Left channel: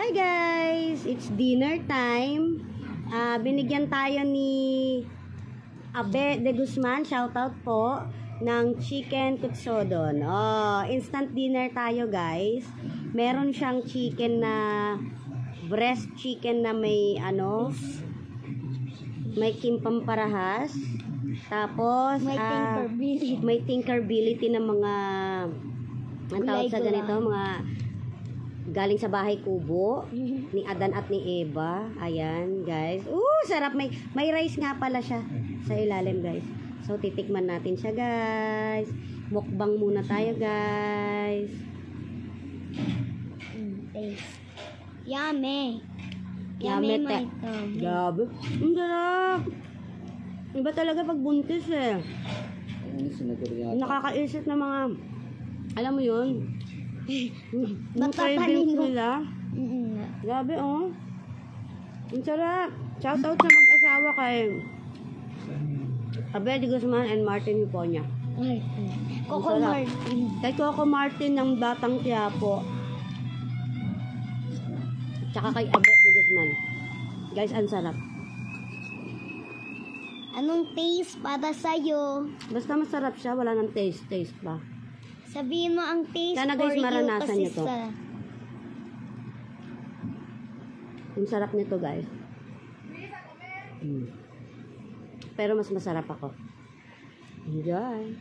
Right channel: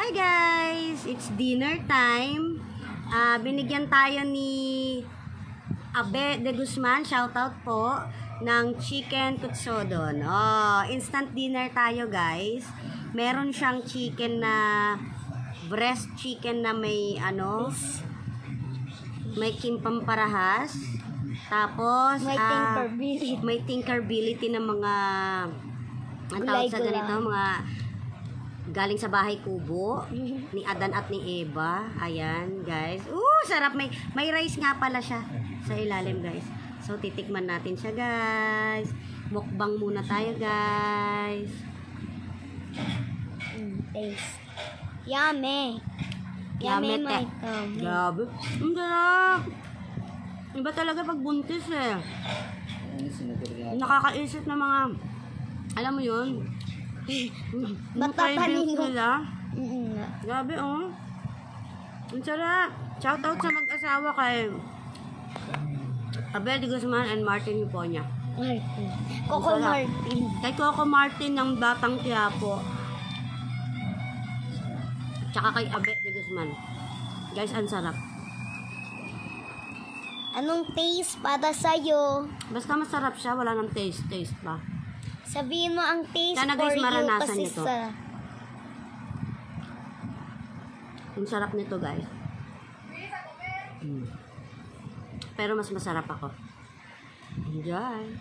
Hi guys! It's dinner time. Binigyan tayo ni Abe de Guzman, shoutout po, ng chicken tutsodon. Instant dinner tayo guys. Meron siyang chicken na breast chicken na may may kimpang parahas. Tapos may tinkerability ng mga ang tawag sa ganito, mga galing sa bahay kubo ni Adan at ni Eva. Ayan guys, sarap. May rice nga pala siya sa ilalim guys. So titikman natin siya guys. Mukbang muna tayo guys. Taste. Yummy. Yummy te. Grabe. Ang sarap. Iba talaga pag buntis eh. Nakakaisip ng mga, alam mo yun, yung cravings nila. Grabe ang sarap. Shoutout sa mag-asawa kay Abe de Guzman and Martin Hiponya. Coco Martin. Kay Coco Martin ng Batang Quiapo. Tsaka kay Abe de Guzman. Guys, ang sarap. Anong taste para sa'yo? Basta masarap siya, wala nang taste pa. Sabihin mo ang taste Sana guys, maranasan nyo to. Ang sarap nito guys. Pero mas masarap ako. Enjoy!